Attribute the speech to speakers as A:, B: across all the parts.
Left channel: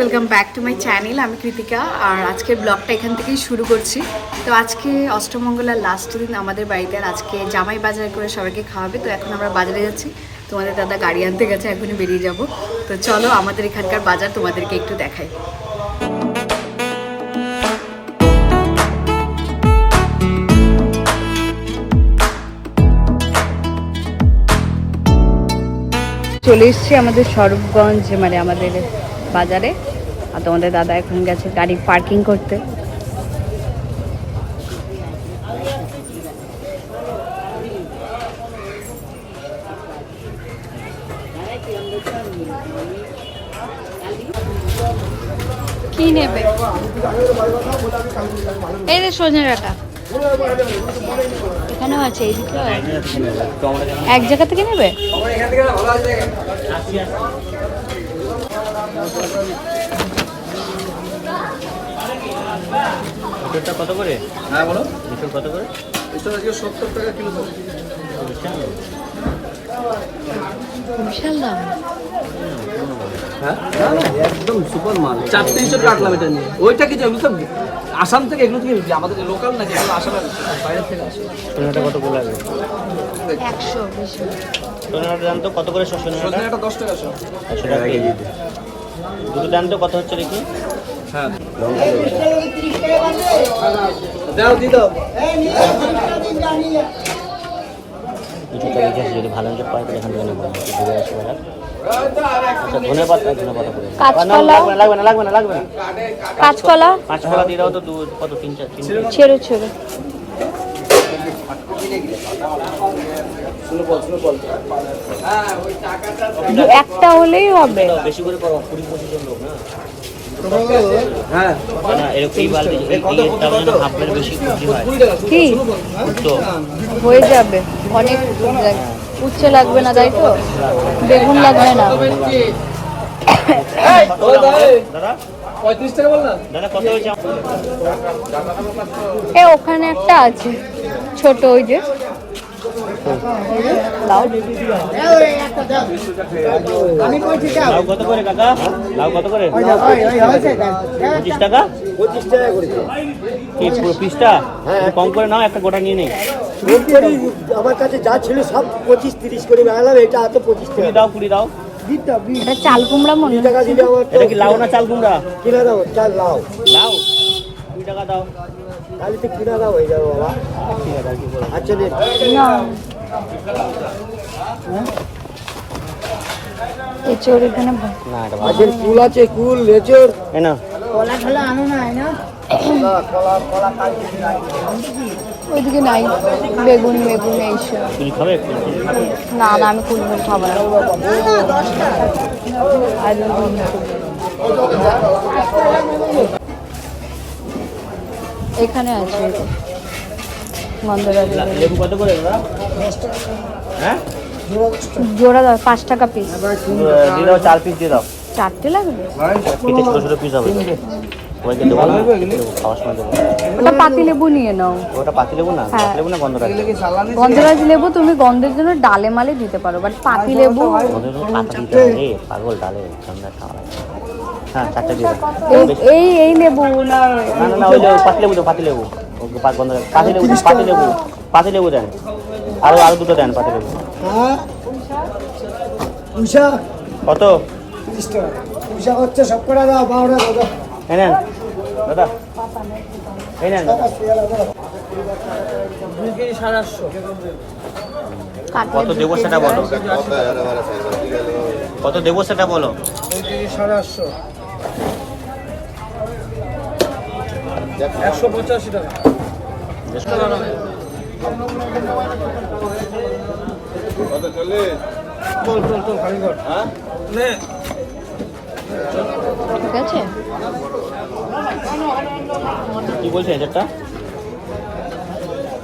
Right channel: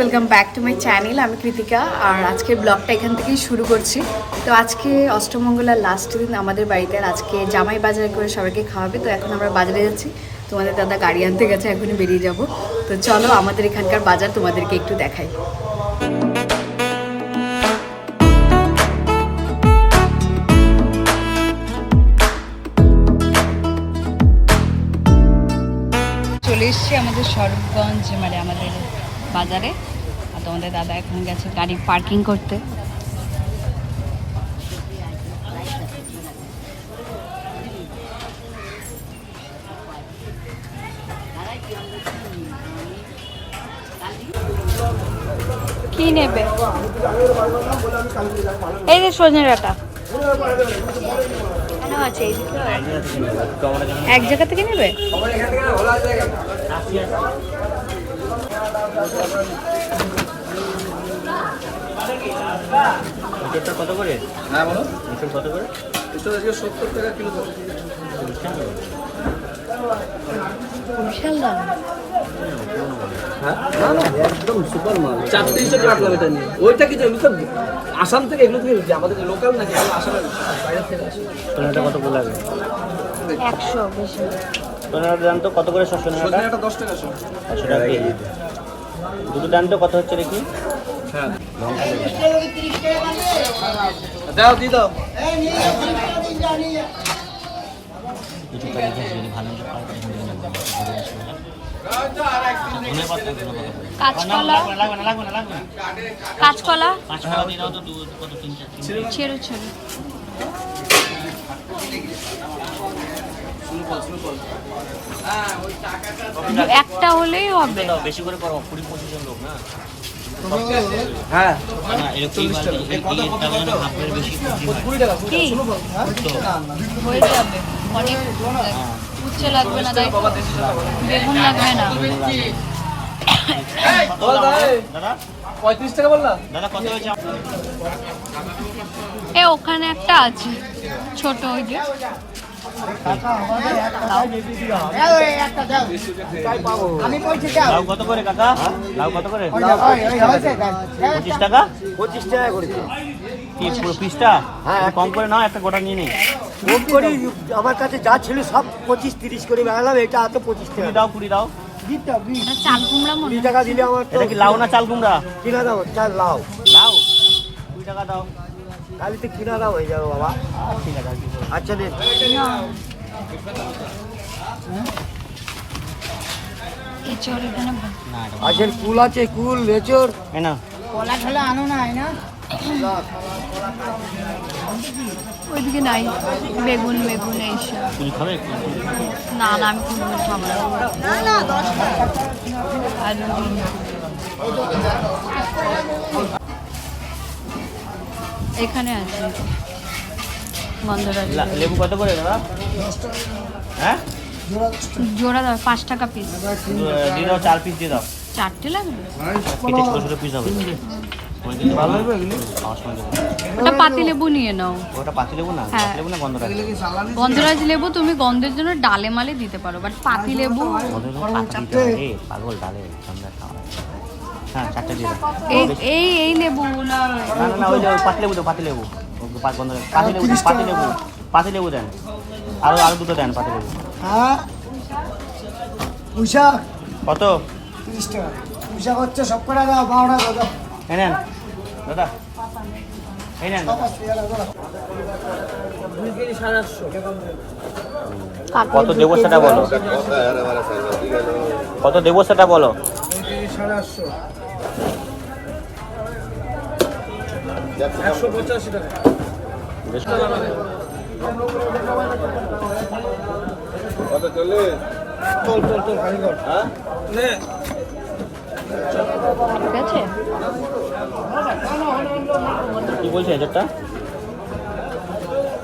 A: Welcome back to my channel আমি কৃতিকা, আর আজকের ব্লগটা এখান থেকেই শুরু করছি। তো আজকে অষ্টমঙ্গলার লাস্ট দিন আমাদের বাড়িতে আর আজকে জামাই বাজার করে সবাইকে খাওয়াবে। তো এখন আমরা বাজারে যাচ্ছি। তোমাদের দাদা গাড়ি আনতে গেছে, এখনই বেরিয়ে যাব। তো চলো আমাদের এখানকার বাজার তোমাদেরকে একটু দেখাই। চলে এসছি আমাদের স্বরূপগঞ্জ মানে আমাদের বাজারে আর তোমাদের দাদা এখন গেছে গাড়ি পার্কিং করতে। নেবে? এই যে ডাটা। আছে এক জায়গা থেকে নেবে?
B: এঁচড়টা কত করে?
C: হ্যাঁ বলো।
B: কত করে?
C: এটা আজকে সত্তর টাকা কিলো
A: বিশাল দাম।
C: হ্যাঁ? না না একদম সুপার মাল। চারটে কাটলাম এটা নিয়ে। ওইটা কিছু আমি তো আসাম থেকে এগুলো থেকে। আমাদের লোকাল নাকি? এগুলো আসামের বাইরে থেকে আসে।
B: সোনাটা কত করে লাগে
A: একশো বেশি
B: সোনাটা দাম তো কত করে? সব সোনাটা
C: দশ টাকা
B: একশো টাকা দুটো কত হচ্ছে দেখি।
C: হ্যাঁ। দাও দি
B: যদি ভালো মতো পাই তাহলে এখান থেকে নেব ঘুরে আসব ধনে পাতা ধনে পাতা করে
A: কাঁচকলা?
B: লাগবে না লাগবে না লাগবে না।
A: কাঁচকলা?
B: দিয়ে দাও তো দু কত।
A: ছেড়ো ছেড়ো। একটা হলেই হবে।
B: বেশি করে করো কুড়ি পঁচিশ জন লোক না
C: হ্যাঁ।
B: না, মানে হয়।
A: কি? হয়ে যাবে। অনেক উচ্ছে লাগবে না তাই তো? বেগুন লাগবে না।
B: দাদা
C: পঁয়ত্রিশ টাকা বল না।
B: দাদা কত হয়েছে?
A: এ ওখানে একটা আছে ছোট ওই যে। লাউ
B: লাউ কত করে কাকা লাউ কত করে পঁচিশ টাকা।
D: পঁচিশ টাকা করেছে
B: পিসটা কম করে নাও একটা গোটা নিয়ে নেই
D: আমার কাছে যা ছিল সব পঁচিশ তিরিশ করে বেড়ালাম এটা হাতে পঁচিশ
B: কুড়ি দাও কুড়ি দাও
A: এটা চাল কুমড়া? মনে
D: টাকা দিলে
B: এটা কি লাউ না চাল কুমড়া?
D: কিনা দাও চাল লাও
B: লাউ। কুড়ি টাকা দাও।
D: তাহলে তো কিনা দাও হয়ে যাবে বাবা?
B: ঠিক আছে আর কি বলো
D: আচ্ছা নে।
A: না এচোর এখানে
B: না এটা
D: আজের কুল আছে কুল লেচর
B: এই না
A: ওইদিকে নাই। বেগুন বেগুন এইসব না না আমি কুলমুল খাব না। আর এখানে আছে গন্ধরাজ লেবু।
B: লেবু কত করে হ্যাঁ?
A: জোড়া দাও পাঁচ টাকা পিস
B: দিয়ে চার পিস দিয়ে দাও।
A: চারটে লাগবে?
B: ছোটো ছোটো পিস হবে।
A: ওটা পাতি লেবু নিয়ে নাও।
B: ওটা পাতি লেবু না। লেবু না গন্ধ
A: গন্ধরাজ লেবু তুমি গন্ধের জন্য ডালে মালে দিতে পারো বাট পাতি লেবু
B: গন্ধের লেবু হবে। পাগল ডালে ঠান্ডা খাওয়া লাগে। হ্যাঁ চারটে দিয়ে
A: এই এই এই লেবু। না
B: না না না ওই যে ওই পাতি লেবু তো পাতি লেবু। পাতি লেবু পাতি লেবু। পাতি লেবু দেন। আরও আরও দুটো দেন পাতি লেবু।
D: হ্যাঁ? উষা?
B: কত?
D: তিরিশ উষা হচ্ছে সব করে দাও বারোটা দাও
B: এই নেন। দাদা এই নেন।
C: দুই কেজি সাড়ে আটশো।
B: কত দেবো সেটা বলো। কত দেবো সেটা বলো।
C: দুই কেজি সাড়ে আটশো। একশো পঁচাশি টাকা। তোল তোল তোল খালি কর। নে।
A: ঠিক আছে।
B: কি বলছে এজারটা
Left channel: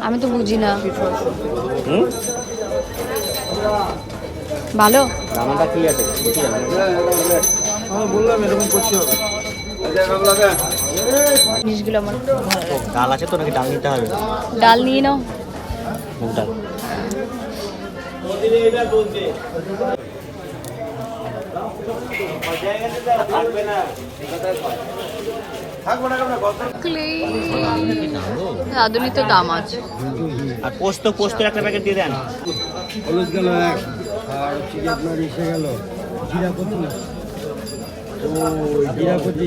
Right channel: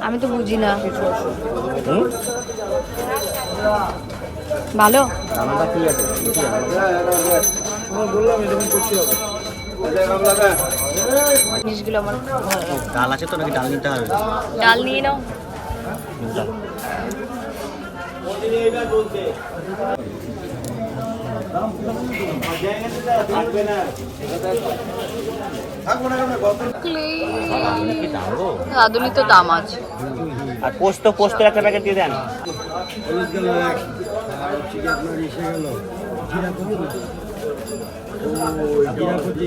A: আমি তো বুঝি না।
B: হুম?
A: ভালো?
B: রান্নাটা কি আছে। আমরা
C: আমরা বললাম এরকম করছি হবে।
A: জিনিসগুলো আমার ভালো লাগে।
B: ডাল আছে তো নাকি ডাল নিতে হবে?
A: ডাল নিয়ে নাও।
B: ডাল
A: রাঁধুনি তো দাম আছে।
B: আর পোস্ত পোস্ত একটা প্যাকেট দিয়ে দেন।
D: হলুদ গেল আর হচ্ছে আপনার এসে গেল। জিরা কচি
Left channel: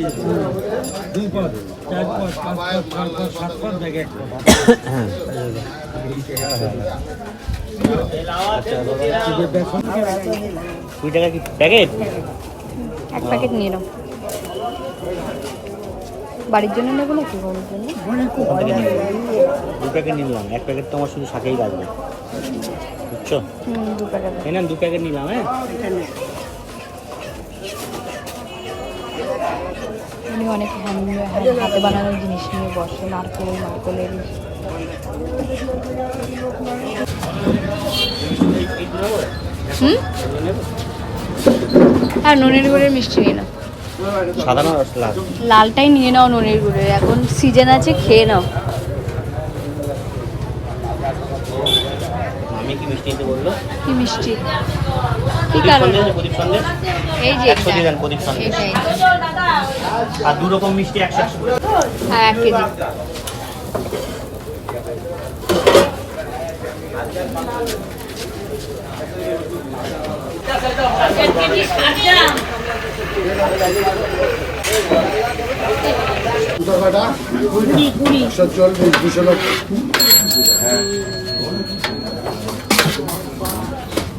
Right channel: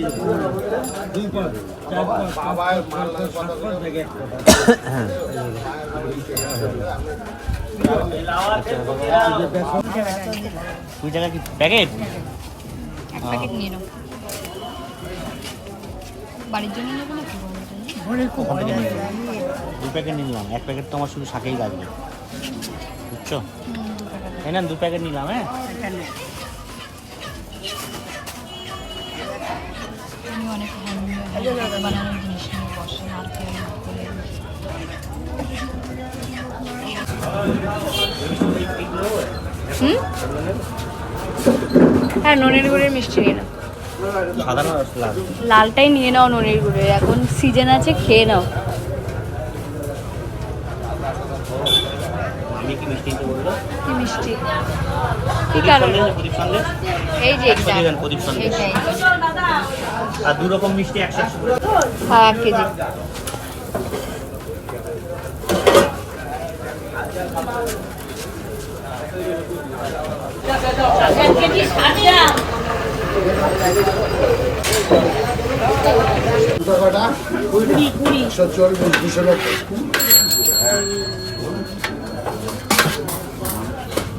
D: দুই পদ চার পদ পাঁচ পদ ছয় পদ সাত পদ ব্যাগে একটা
B: টাকা কি প্যাকেট
A: এক প্যাকেট নিয়ে নাও। বাড়ির জন্য নেব নাকি
B: দু প্যাকেট নিলাম এক প্যাকেট তোমার শুধু শাকেই লাগবে। বুঝছ? না দু প্যাকেট নিলাম হ্যাঁ?
A: উনি অনেক হাতে বানানোর জিনিস নিয়ে বসে নারকেলের নারকেলের হুম? হ্যাঁ ননের গুড়ের মিষ্টি নাও। লালটাই নিয়ে নাও ননের গুড়ের এখন সিজন আছে খেয়ে নাও।
B: কি মিষ্টি
A: কি কারণ এই যে এটা
B: দিয়ে দেন প্রদীপ সন্দেশ
A: এইটাই
B: আর দু রকম মিষ্টি একশো একশো
A: হ্যাঁ এক কেজি
D: একশো চল্লিশ দুশো নব্বই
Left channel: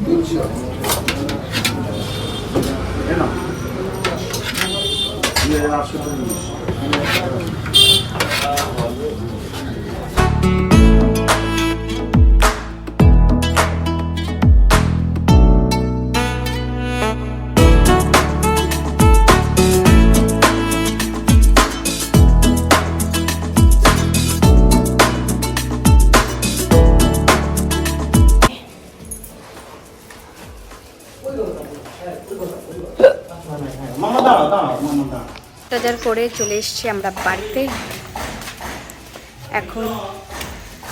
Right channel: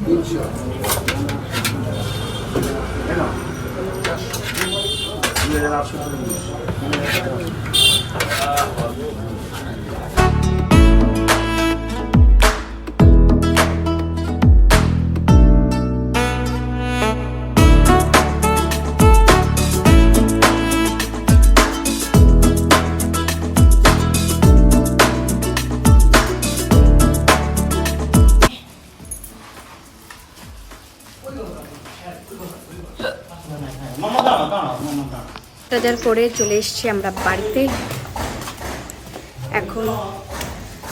D: তিনশো দুই হাজার আটশো চল্লিশ
A: বাজার করে চলে এসেছি আমরা বাড়িতে। এখন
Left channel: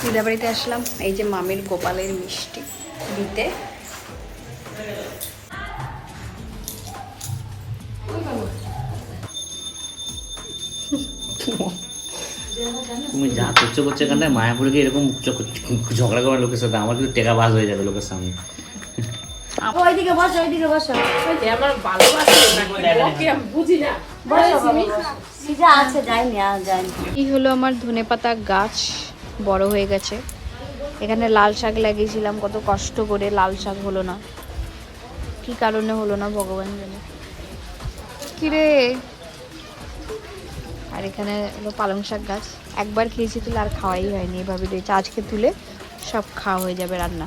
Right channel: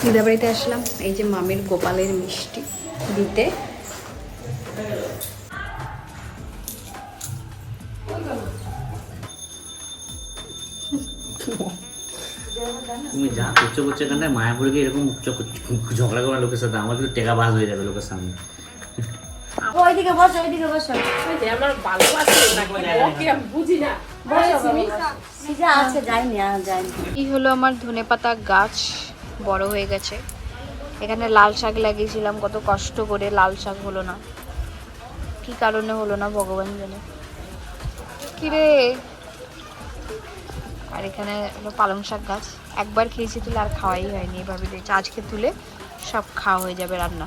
A: দিদা বাড়িতে আসলাম এই যে মামের গোপালের মিষ্টি দিতে।
B: তুমি যা করছ করছ এখানটা মায়াপুরকে এরকম ঝগড়া করার লোকের সাথে আমার কিন্তু টেকা বাজ হয়ে যাবে লোকের সামনে।
A: ওইদিকে বসো ওইদিকে বসো। যায়নি আর যায়নি কি হলো আমার ধনেপাতা গাছ বড় হয়ে গেছে। এখানে লাল শাক লাগিয়েছিলাম কত কষ্ট করে লাল শাক হলো না। কি কারণে হলো না ভগবান জানে। কিরে? আর এখানে হলো পালং শাক গাছ। একবার খেয়েছি তুলে আর খাওয়াই হয়নি এভাবে দিয়েছে আজকে তুলে সব খাওয়া হয়ে যাবে রান্না।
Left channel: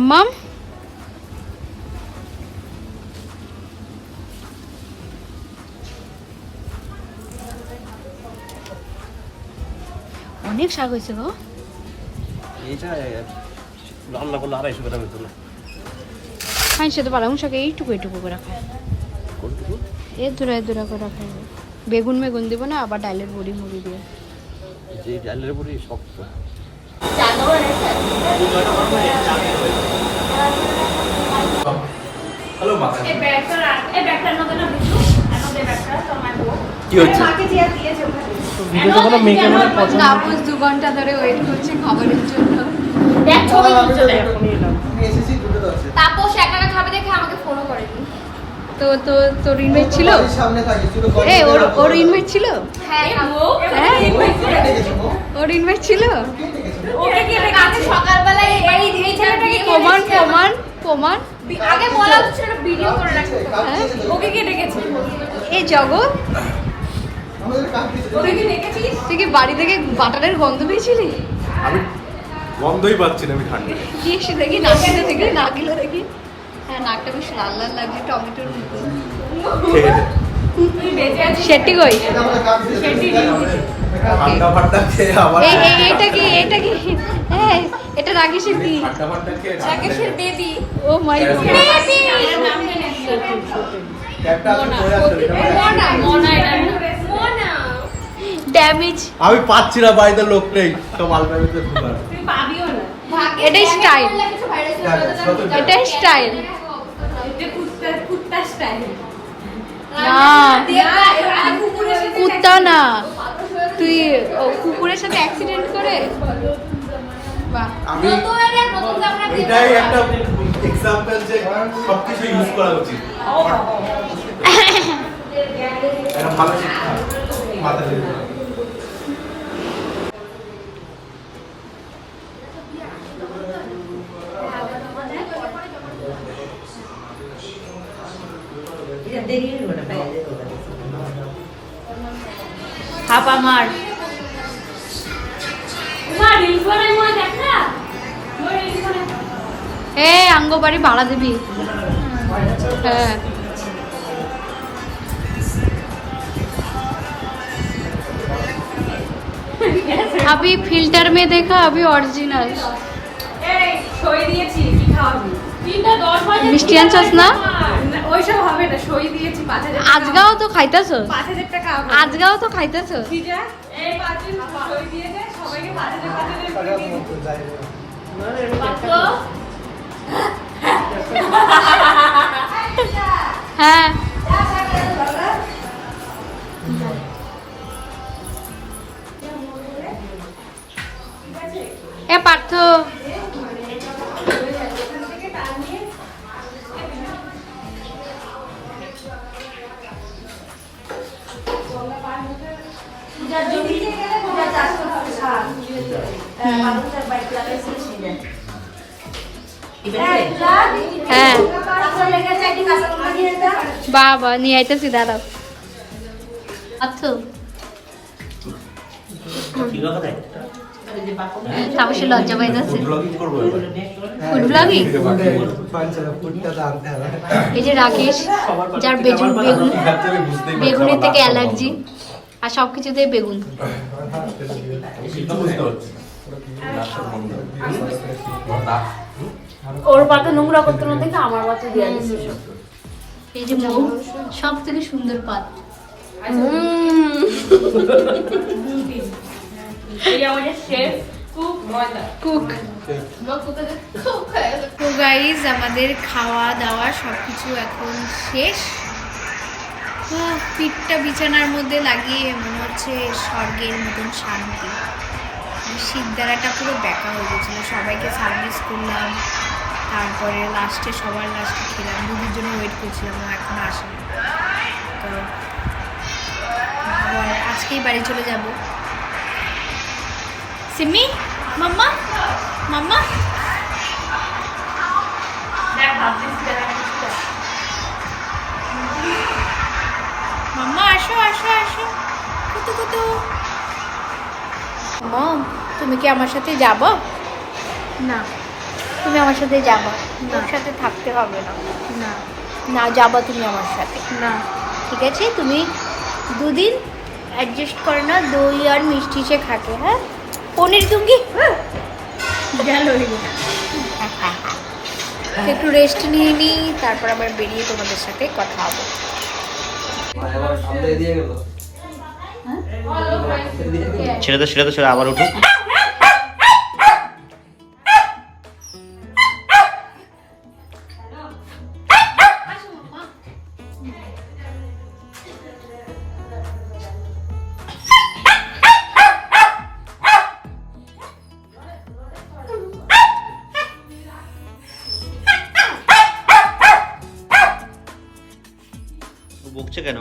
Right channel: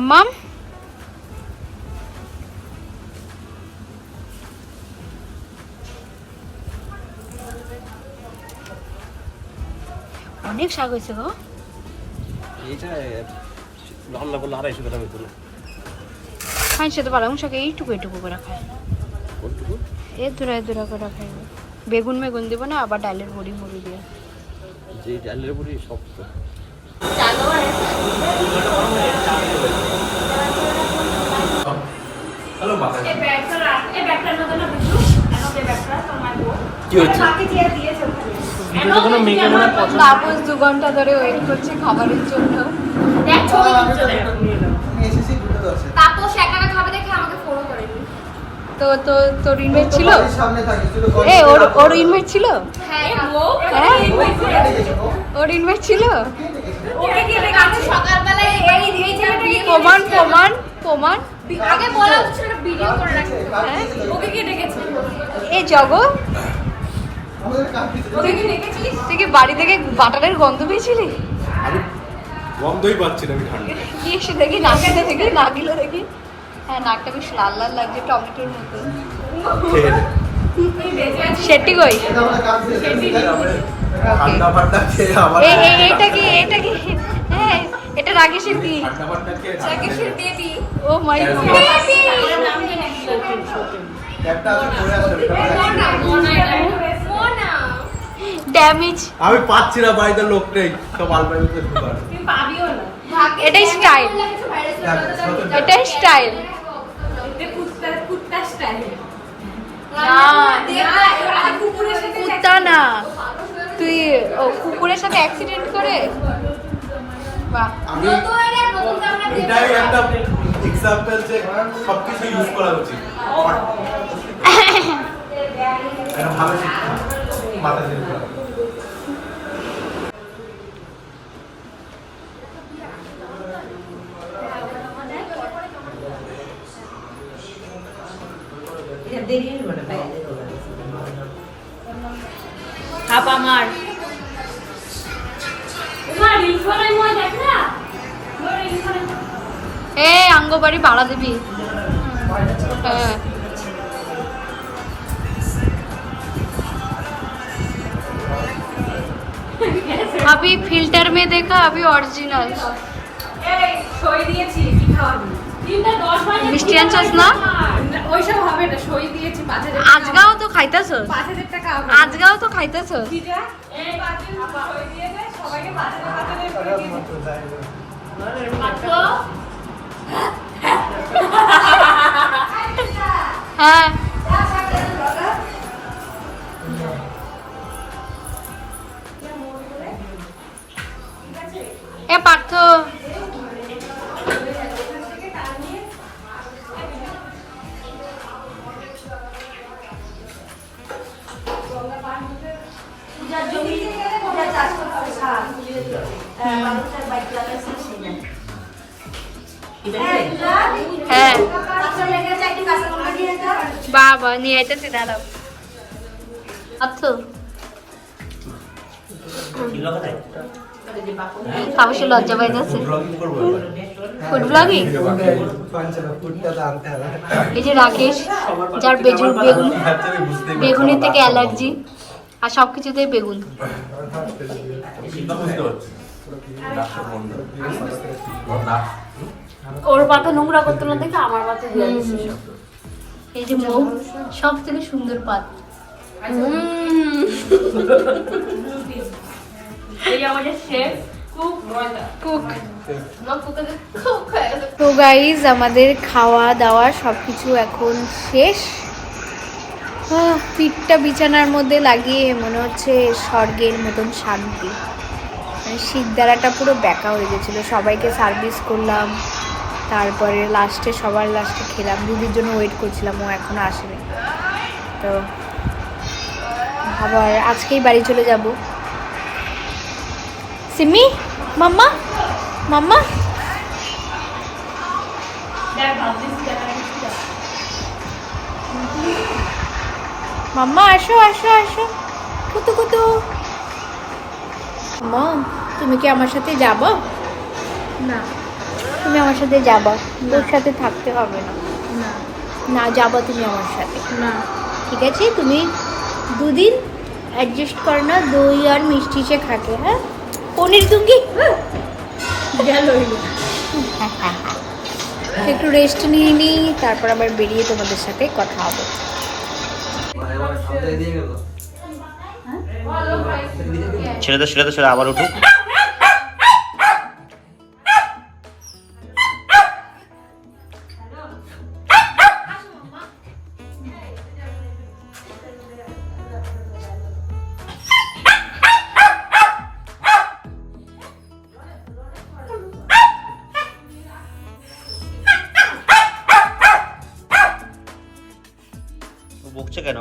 A: মাম্মাম অনেক শাক হয়েছে গো
C: এইটা রান্না করলে আড়াইশো গ্রাম হতো না
A: খাই সে তো পালং শাক এইটুকু এইটুকু করে খায়
C: কোনটুকু
A: এ দূরা দূরা করে খাই বেগুন বেগুন দিব না আবার ডালের বড়ি মুড়ি দিয়ে
C: যে ডালের উপরে শক্ত কি হচ্ছে?
A: তাপস দু ঘণ্টা ধরে ওয়েট করছে খাবারের জন্য।
E: তাপস একা একা খাবে দেখে আমাকে ফোনও করেনি।
A: তো তো তোর ছিল?
D: সামনে
A: এ ওর ওর ইনভাইট ছিল?
E: হ্যাঁ
A: হ্যাঁ? ওর ইনভাইট ছিল?
E: ওকে কি আজকে সকালবেলায় এই এই ছেলেটা
A: প্রমাণ প্রমাণ প্রমাণ।
E: আগে বলা উচিত ছিল ভিডিও করে রাখতে
A: হ্যাঁ।
E: ওকে কে ডেকেছে?
A: এই জগৎ। তুই কি বাড়ি থেকে বাটারের গন্ধ পেয়েছিলি?
C: আমি গন্ধই পাচ্ছি না আমি ঠান্ডা।
A: কি এসে দেখি নাকিলে দেখি নাকিলে দেখি। হ্যাঁ নাকটা বেশ লাল লাল লাগছে টমেটোর মতো। সেটি কই? এটা কি এটা কি? হ্যাঁ এটা রাগেশের কি
E: baby
A: oh my god. Damage
C: আমি পাচ্ছি না বাড়িতে লোক নেই। তো মালবাড়িতে ঢুকার
A: এটাই
E: যাবে।
A: এটাই স্টাইল
E: কুত্তা কুত্তা স্টাইল।
A: কুত্তা না। তুই কুকুরের সাথে অ্যাক্সিডেন্ট করে? বাহ।
C: আমি এটাই একটা এক্সাম্পল যে সবকিছু ইউজ করা উচিত। এটা ভালো শিক্ষা।
A: আমার
E: মা রিল করে মনে দেখ না রিল করে
A: এ আঙ্গবাড়ি ভাড়া দিবি হ্যাঁ अभी फिल्टर में देखा अभी ओरिजिनल
E: এই সই দিয়েছি কি খাওয়াবি তিনটা দশ বাজে
A: মিষ্টি আনছস না?
E: ওইসব হবে না সই দিয়েছি
A: আজগাও তো খাইতেছ?
E: টাকা হবে।
A: আজগাও তো খাইতেছ?
E: এই সই দিয়ে দে সবাইকে করে দিয়ে।
A: হ্যাঁ। এ পার্থ। হ্যাঁ। বাবা নিয়ে আইতেছি দাঁড়াও। তাপসে লজ্জা পাইতেছে। ফুড ব্লগিং এই যে রাকেশ যার বেগুন বেগুন বেগুনের থেকে অ্যালার্জি। আর সব কিছুতে বেগুন।
E: ওর পাতে নোংরা করতে না দেখে আমার পাতে দিয়ে দিচ্ছে
A: এই যে মৌ সব থেকে সুন্দর পাত। তো গাইজ আমাদের খাওয়া দাওয়া সব কিছু এখন শেষ। পিঠটা বিছানার মধ্যে লাগিয়ে মনে হচ্ছে স্বর্গের মতন শান্তি। মানে শীতদারাটা পুরো ব্যাকা হয়ে গেছিল। সবাইকে সার্ভিস করলাম। তারপরে লাস্টে সবার লাস্টে খেলাম। দুদির জন্য ওয়েট করছিলাম, ও এখনও আসেনি। তো আবার আজকেই বাড়ি চলে যাব। সিমি, মাম্মা মাম্মা।
E: দেখ ভাবছিস
A: মাম্মা আসো আসো আসো। কুতু কুতু। মম তুমি কি আমার সাথে যাব? না। তুমি আমার সাথে যাবা? তোর সাথে থাকতে হবে না। না যাবা তুমি আমার সাথে। না। ঠিক আছে তুমি দুদিন অ্যাডজাস্ট করে না দই আর মিষ্টি সে খাকে হ্যাঁ? পনির দুঙ্গি একটু রেস্ট নিয়ে নিই তারপর আবার বেরিয়ে তোমাদের সাথে কথা হবে।
B: ছেড়ে তো ছেড়ে তো ছেড়ে আবার উঠুক। হচ্ছে কেন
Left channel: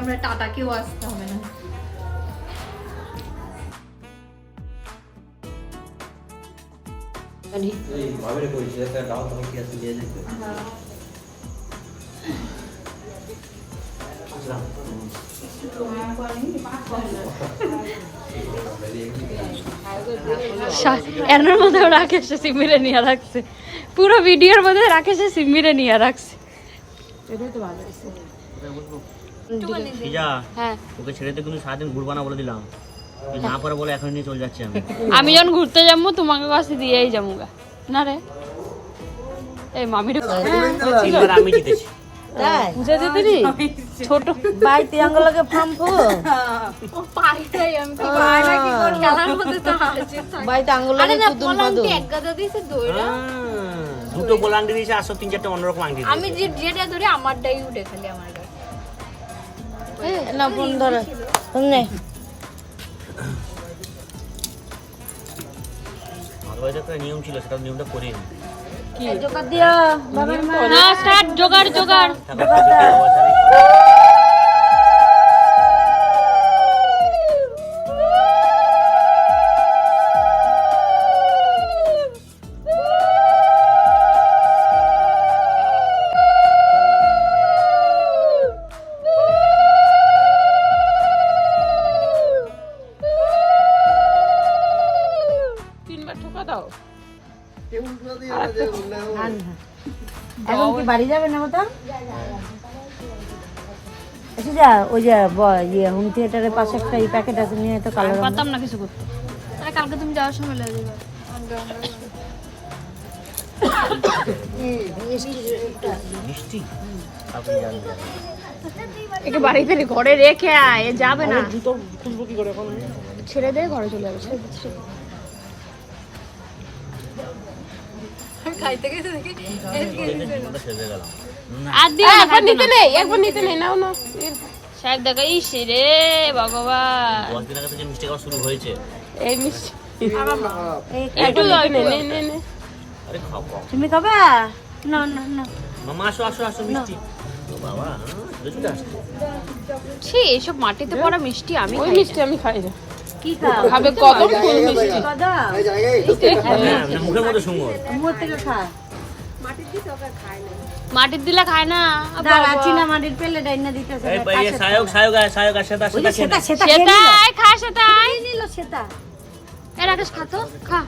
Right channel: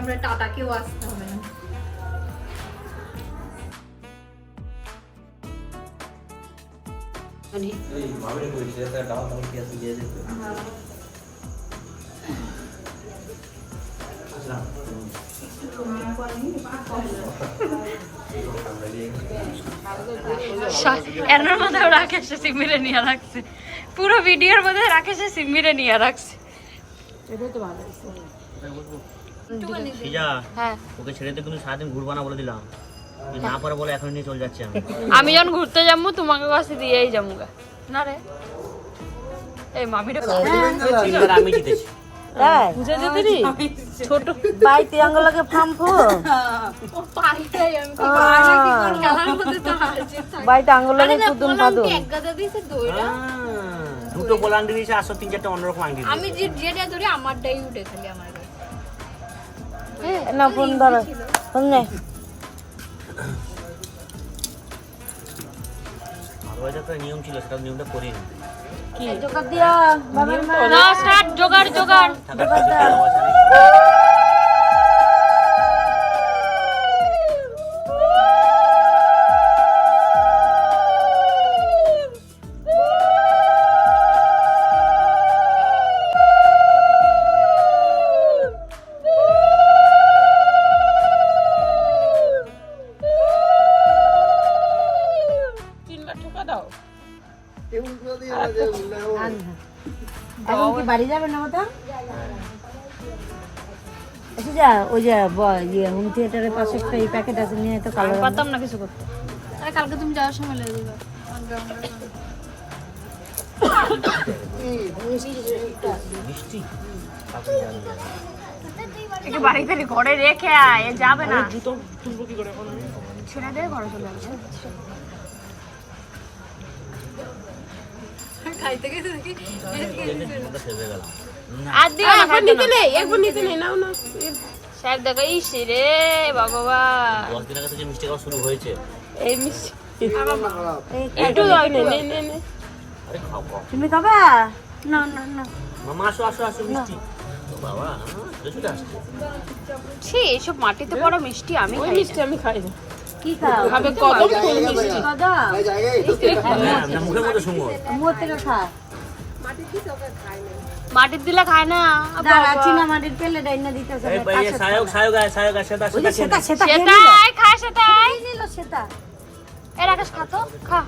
A: আমরা টাটা কেউ আসতে হবে না।
F: এনার মধ্যে রাকেশে সিমিরে নিয়ে রাখছে। পুরো ভিডিওর মধ্যে রাকেশে সিমিরে নিয়ে রাখছে। এটাই তো ভালো। হ্যাঁ।
B: ওকে ছেড়ে দিয়ে কিন্তু সারাদিন ঘুরবা না বলে দিলাম। না পারে বলে এখন নিয়ে চলে যাচ্ছি আমি।
F: আমি যখন ঘুরতে যাব তোমাকে কাছে দিয়েই যাব গা না রে। এই মামিটা
B: তিনবার আমি জিতেছি।
F: ছোট
G: বাই ত্রিয়াঙ্গলকে ফার্ম
A: ও পাইটাই আমি কি পাই কি করে খেলার মধ্যে তো আছে
G: বাই ত্রিয়াঙ্গলকে কুদুম পাদু
A: এক গাদা দিয়েছে? দইরা
B: দুটো দিয়েছে আসো তিন চারটে অন্যরকম আংটি
A: আমি যে যেটা ধরে আমারটাই উঠে খালি আমার।
G: না ফোন ধরো। ফোন নে
B: আমার একটা নিয়ম ছিল সেটা নিয়মটা করে
G: জোকার দিয়া বাবার মা
F: না স্টার্ট জোগাড় জোগাড়।
G: বাড়ি যাবে না ওটা? এসে যা ওই যে ইয়ে হোম থিয়েটারের পাশে একটা এই প্যাকেট আছে নিয়ে তো কালো
F: পারতাম না কিছু করতে।
A: আরে কালকে তুমি যাওয়ার সময় লেগে দিবা
B: মিষ্টি আপনি জানেন জানেন।
F: একে বাড়িতে ঘরে রেখে আয় যাবে না। ছেড়ে দে ঘরে চলে যাবে।
A: খাইতে গেছে দেখি।
B: সেজে গেলাম।
F: আর দিও না একবার নিতে নেই একবার নিতে নেই নাও না স্যার দেখো ইস রে ভগবান।
B: দশ দিন আগে থেকে মিষ্টি খাওয়া শুরু হয়েছে।
G: এই
F: একটু দাও, একটু। দাও।
B: আরে খাও খাও।
G: তুমি খাবে? না না না।
B: মামা আসো আসো আসো মিষ্টি। বাবা চলে চলে আসছে।
F: ছি এসব মাটিতে পড়া মিষ্টি আমি খাই মিষ্টি আমি খাই
G: কি খাও? খাবে কত কদা
B: না, মুখের মধ্যে সুন্দর
G: মুখ থেকে খা।
F: মাটির দিলে খায় না।
G: চিনা মাটির পেলে দিতেছে
B: সায়ক সায়ক সায়ক সেটা
G: সেটা সেটা নিল। সেটা।
F: খাতো খা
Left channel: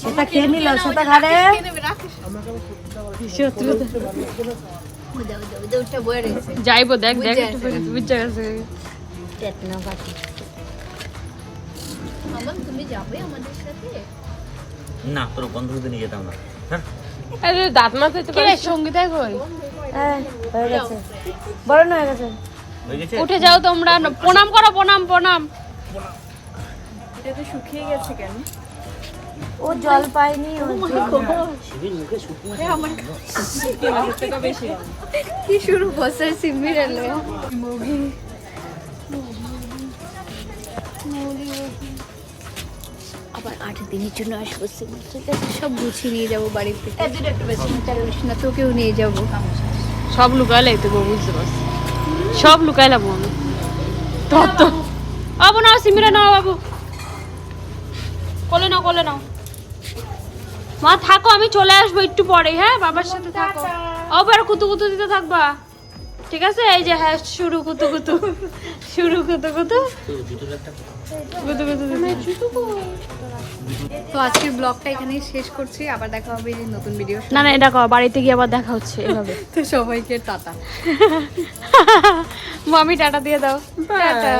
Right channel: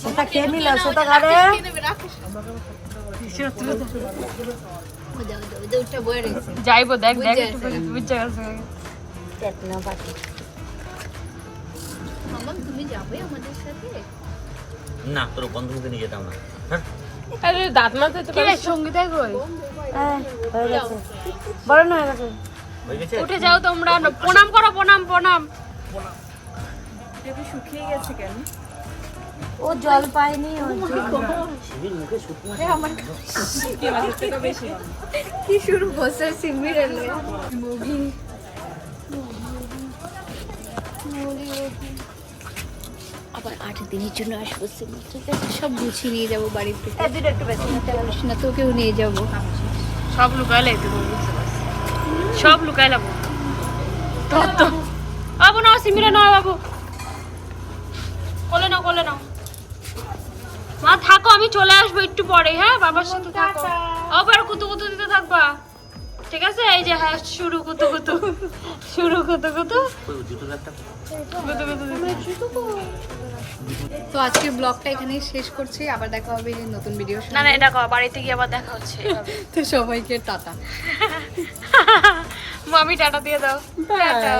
G: সেটা খেয়ে নিল সেটা
F: যাইবো দেখ দেখ একটু। গেছে।
G: টেটনা
A: আমার তুমি যাবে আমাদের সাথে?
B: না তোর বন্ধুকে নিয়ে যেতাম না। হ্যাঁ?
F: কি রে সঙ্গীতা কই?
G: হ্যাঁ হয়ে গেছে। বড় না হয়ে গেছে?
F: উঠে যাও তোমরা। প্রণাম করো প্রণাম প্রণাম।
G: ও জল পায়নি ও
B: শিবির মুখে
A: কি শুরু আবার আট দিনের জন্য আসব সিমি ঠিক আছে সব গুছিয়ে নিয়ে যাব বাড়ির থেকে। চিন্তা করিস না তোকেও নিয়ে যাব।
F: সব লুকাইলে বউ বুঝতে পারছিস সব লুকাইলাম আমি। তোর তো। বাবু নাও সিমিরে নাও বাবু। কোলে নাও কোলে নাও। মা থাকো আমি চলে আসব একটু পরে হ্যাঁ? বাবার সাথে থাকো। আবার কুতু কুতু দিতে থাকবা? ঠিক আছে? এই যে হ্যাঁ শুরু কুতু কুতু শুরু কুতু কুতু
A: তো আজকের ব্লগটা এখানেই শেষ করছি। আবার দেখা হবে নতুন ভিডিও
F: না না এটা কর বাড়িতে গিয়ে আবার দেখা হচ্ছে
A: তো সবাইকে টাটা। মামি টাটা দিয়ে দাও। টাটা।